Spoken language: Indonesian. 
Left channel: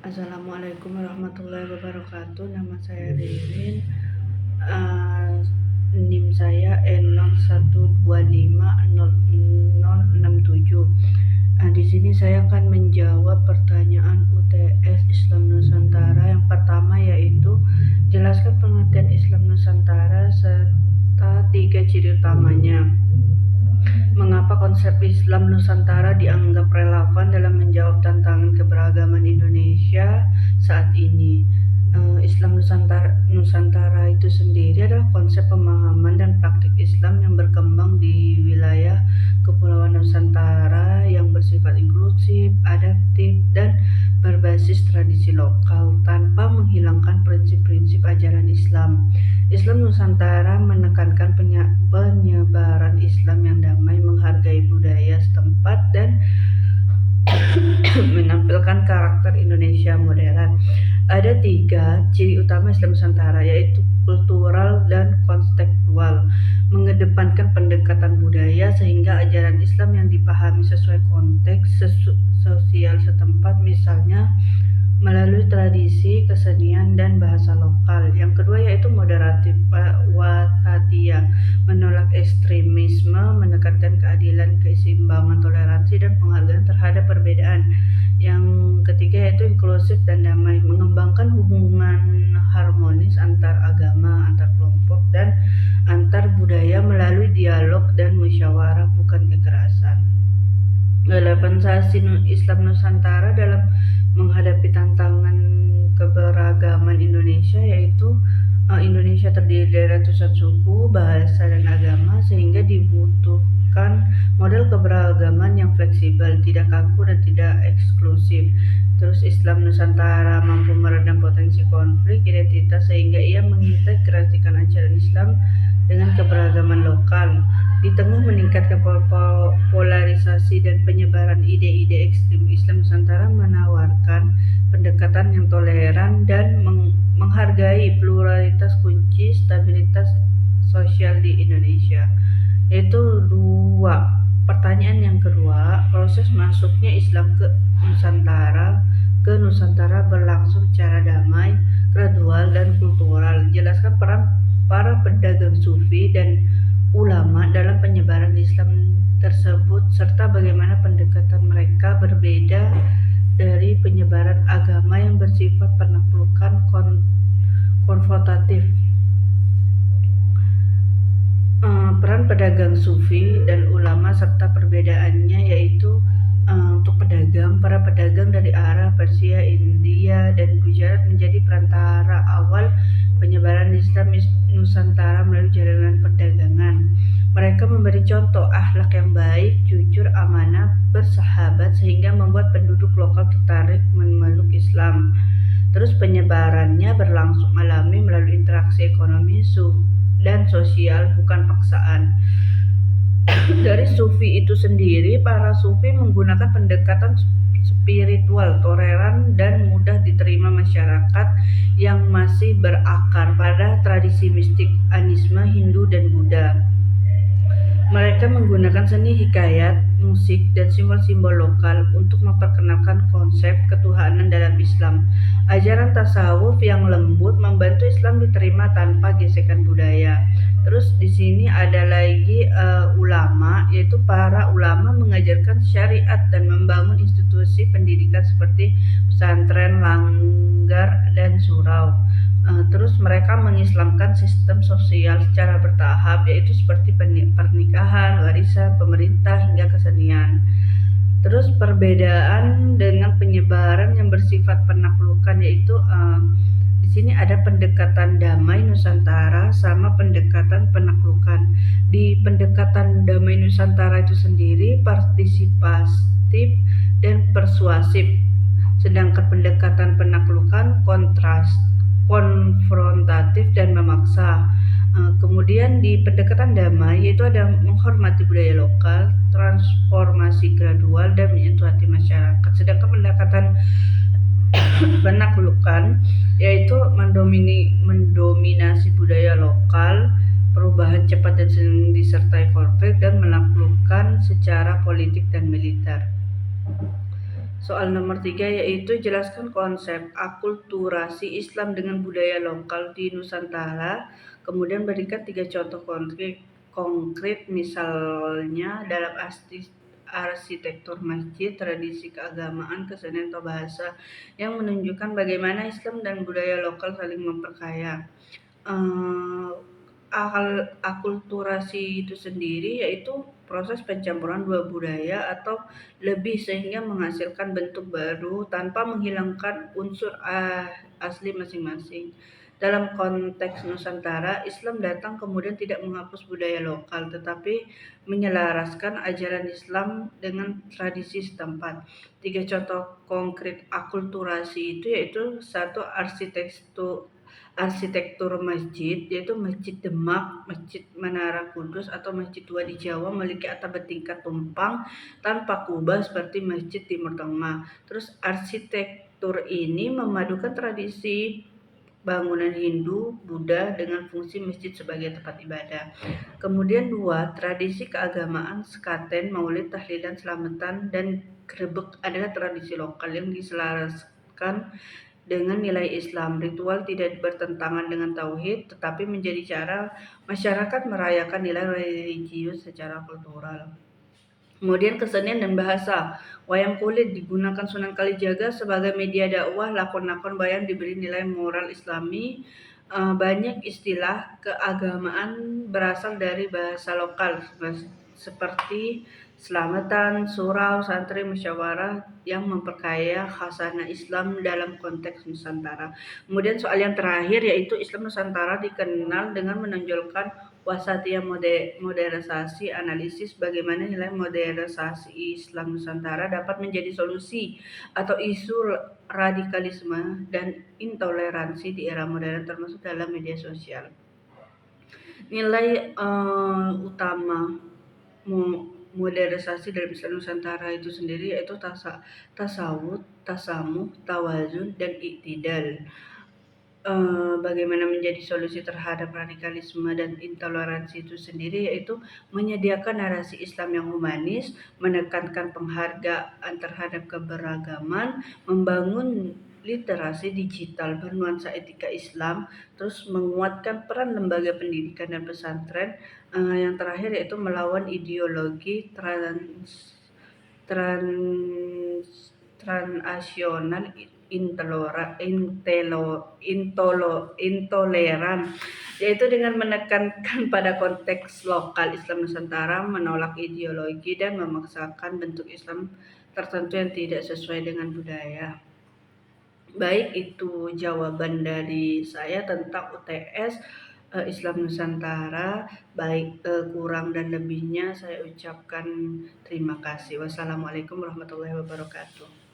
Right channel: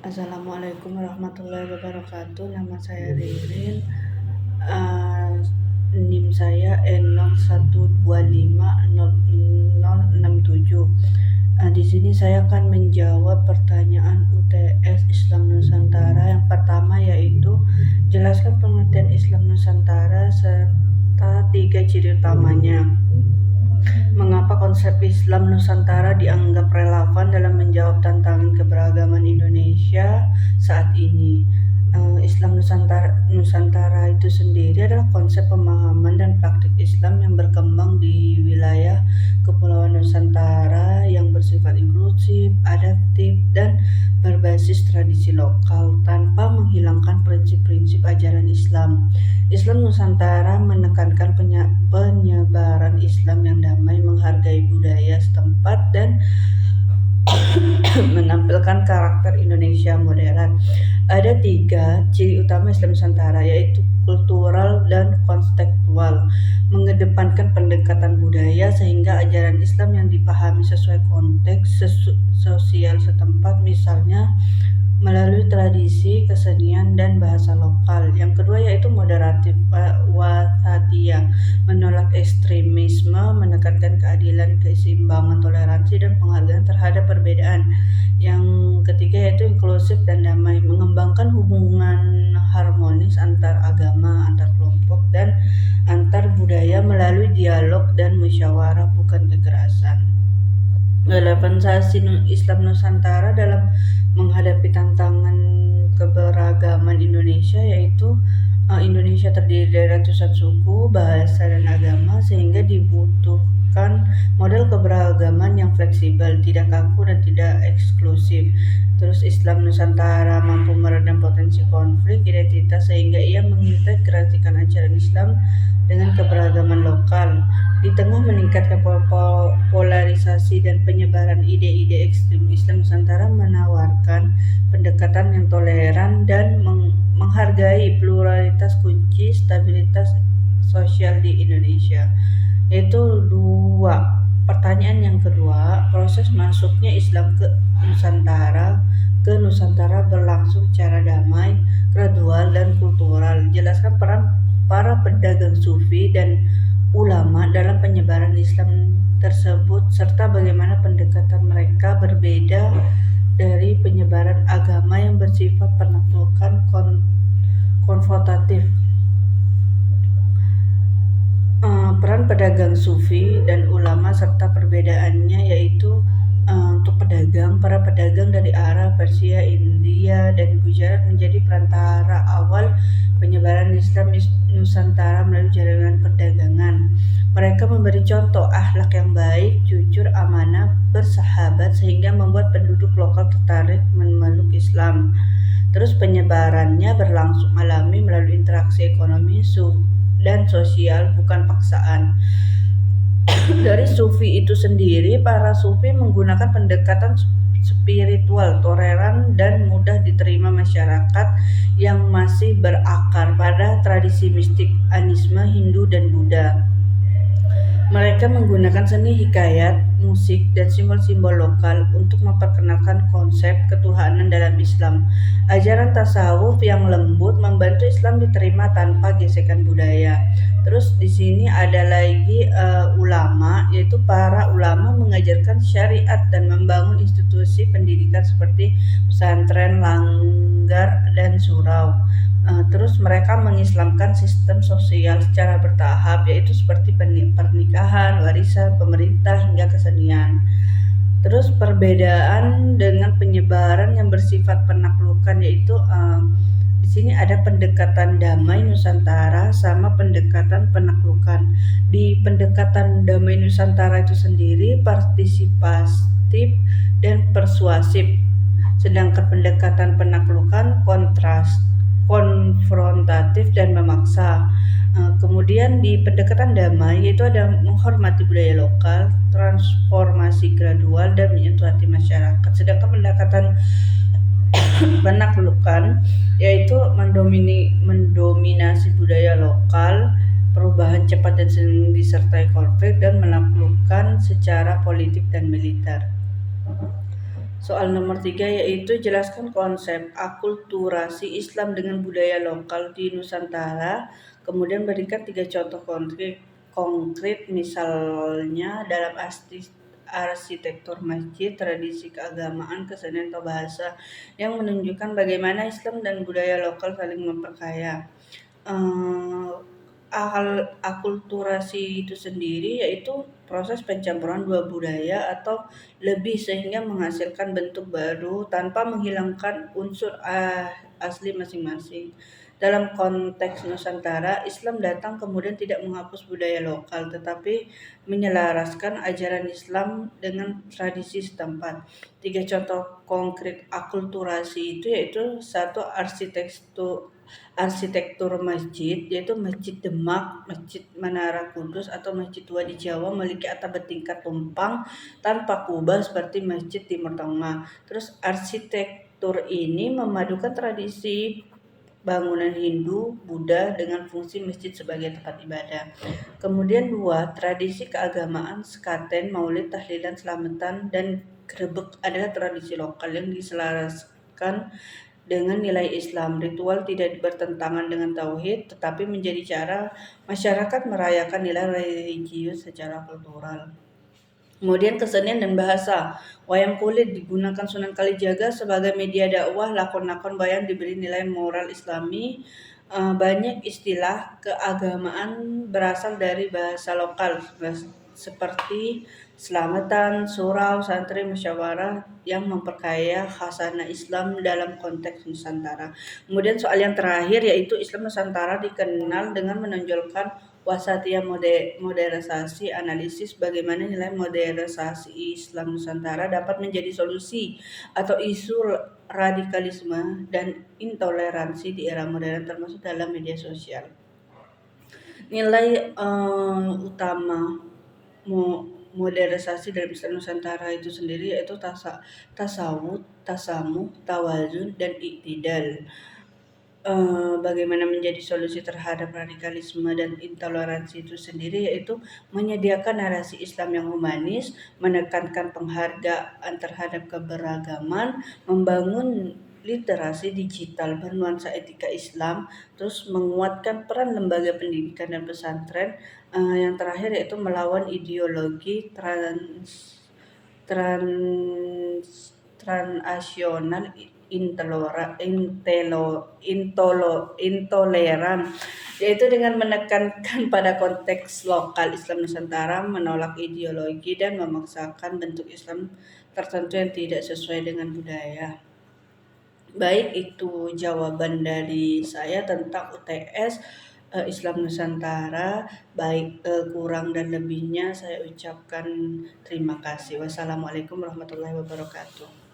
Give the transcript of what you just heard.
Assalamualaikum warahmatullahi wabarakatuh. Nama saya Ririn. NIM saya N01250067. Di sini saya akan menjawab pertanyaan UTS Islam Nusantara. Yang pertama yaitu jelaskan pengertian Islam Nusantara serta 3 ciri utamanya. Mengapa konsep Islam Nusantara dianggap relevan dalam menjawab tantangan keberagaman Indonesia saat ini? Islam Nusantara itu sendiri adalah konsep pemahaman dan praktik Islam yang berkembang di wilayah Kepulauan Nusantara yang bersifat inklusif, adaptif, dan berbasis tradisi lokal tanpa menghilangkan prinsip-prinsip ajaran Islam. Islam Nusantara menekankan penyebaran Islam yang damai, menghargai budaya setempat, dan menampilkan karakter Indonesia modern. Ada 3 ciri utama Islam Nusantara, yaitu kultural dan kontekstual, mengedepankan pendekatan budaya sehingga ajaran Islam yang dipahami sesuai konteks sosial setempat, misalnya melalui tradisi, kesenian, dan bahasa lokal. Yang kedua yaitu moderatif, wasatiyah, menolak ekstremisme, menekankan keadilan, keseimbangan, toleransi, dan penghargaan terhadap perbedaan. Yang ketiga yaitu inklusif dan damai, mengembangkan hubungan harmonis antar agama, antar kelompok, dan antar budaya melalui dialog dan musyawarah, bukan kekerasan. Relevansi Islam Nusantara dalam menghadapi tantangan keberagaman Indonesia, yaitu Indonesia terdiri dari ratusan suku, bahasa, dan agama, sehingga dibutuhkan model keberagaman yang fleksibel, tidak kaku, dan tidak eksklusif. Terus Islam Nusantara mampu meredam potensi konflik identitas sehingga ia mengintegrasikan ajaran Islam dengan keberagaman lokal. Di tengah meningkatkan polarisasi dan penyebaran ide-ide ekstrem, Islam Nusantara menawarkan pendekatan yang toleran dan menghargai pluralitas kunci stabilitas sosial di Indonesia. Itu 2. Pertanyaan yang kedua, proses masuknya Islam ke Nusantara berlangsung secara damai, gradual, dan kultural. Jelaskan peran para pedagang sufi dan ulama dalam penyebaran Islam tersebut serta bagaimana pendekatan mereka berbeda dari penyebaran agama yang bersifat penaklukan konfrontatif. Peran pedagang sufi dan ulama serta perbedaannya yaitu untuk para pedagang dari Arab, Persia, India, dan Gujarat menjadi perantara awal penyebaran Islam Nusantara melalui jaringan perdagangan. Mereka memberi contoh akhlak yang baik, jujur, amanah, bersahabat sehingga membuat penduduk lokal tertarik memeluk Islam. Terus penyebarannya berlangsung alami melalui interaksi ekonomi dan sosial, bukan paksaan. Dari sufi itu sendiri, para sufi menggunakan pendekatan spiritual, toleran, dan mudah diterima masyarakat yang masih berakar pada tradisi mistik animisme Hindu dan Buddha. Mereka menggunakan seni hikayat, musik, dan simbol-simbol lokal untuk memperkenalkan konsep ketuhanan dalam Islam. Ajaran tasawuf yang lembut membantu Islam diterima tanpa gesekan budaya. Terus di sini ada lagi ulama, yaitu para ulama mengajarkan syariat dan membangun institusi pendidikan seperti pesantren, langgar, dan surau. Terus mereka mengislamkan sistem sosial secara bertahap, yaitu seperti pernikahan, warisan, pemerintah, hingga kesenian. Terus perbedaan dengan penyebaran yang bersifat penaklukan, yaitu di sini ada pendekatan damai Nusantara sama pendekatan penaklukan. Di pendekatan damai Nusantara itu sendiri partisipatif dan persuasif, sedangkan pendekatan penaklukan konfrontatif dan memaksa. Kemudian di pendekatan damai yaitu ada menghormati budaya lokal, transformasi gradual, dan menyentuh hati masyarakat. Sedangkan pendekatan penaklukan yaitu mendominasi budaya lokal, perubahan cepat dan sering disertai konflik, dan menaklukkan secara politik dan militer. Soal nomor 3 yaitu jelaskan konsep akulturasi Islam dengan budaya lokal di Nusantara, kemudian berikan 3 contoh konkret misalnya dalam arsitektur masjid, tradisi keagamaan, kesenian atau bahasa yang menunjukkan bagaimana Islam dan budaya lokal saling memperkaya. Eee, Akulturasi itu sendiri yaitu proses pencampuran dua budaya atau lebih sehingga menghasilkan bentuk baru tanpa menghilangkan unsur asli masing-masing. Dalam konteks Nusantara, Islam datang kemudian tidak menghapus budaya lokal tetapi menyelaraskan ajaran Islam dengan tradisi setempat. 3 contoh konkret akulturasi itu yaitu satu arsitektur masjid, yaitu Masjid Demak, Masjid Menara Kudus atau Masjid Tua di Jawa memiliki atap bertingkat tumpang tanpa kubah seperti Masjid Timur Tengah. Terus arsitektur ini memadukan tradisi bangunan Hindu, Buddha dengan fungsi masjid sebagai tempat ibadah. Kemudian 2, tradisi keagamaan sekaten, maulid, tahlilan, selamatan, dan grebek adalah tradisi lokal yang diselaraskan dengan nilai Islam. Ritual tidak bertentangan dengan tauhid, tetapi menjadi cara masyarakat merayakan nilai religius secara kultural. Kemudian kesenian dan bahasa. Wayang kulit digunakan Sunan Kalijaga sebagai media dakwah, lakon-lakon wayang diberi nilai moral Islami. Banyak istilah keagamaan berasal dari bahasa lokal seperti selamatan, surau, santri, musyawarah yang memperkaya khasanah Islam dalam konteks Nusantara. Kemudian soal yang terakhir yaitu Islam Nusantara dikenal dengan menonjolkan wasatiyah modernisasi, analisis bagaimana nilai modernisasi Islam Nusantara dapat menjadi solusi atau isu radikalisme dan intoleransi di era modern termasuk dalam media sosial. Nilai utama modernisasi dalam Islam Nusantara itu sendiri yaitu tasawuf, tasamuh, tawazun, dan iktidal. Bagaimana menjadi solusi terhadap radikalisme dan intoleransi itu sendiri yaitu menyediakan narasi Islam yang humanis, menekankan penghargaan terhadap keberagaman, membangun literasi digital bernuansa etika Islam, terus menguatkan peran lembaga pendidikan dan pesantren, yang terakhir yaitu melawan ideologi transnasional intoleran, yaitu dengan menekankan pada konteks lokal Islam Nusantara, menolak ideologi dan memaksakan bentuk Islam tertentu yang tidak sesuai dengan budaya. Baik, itu jawaban dari saya tentang UTS Islam Nusantara. Baik, kurang dan lebihnya saya ucapkan terima kasih. Wassalamualaikum warahmatullahi wabarakatuh.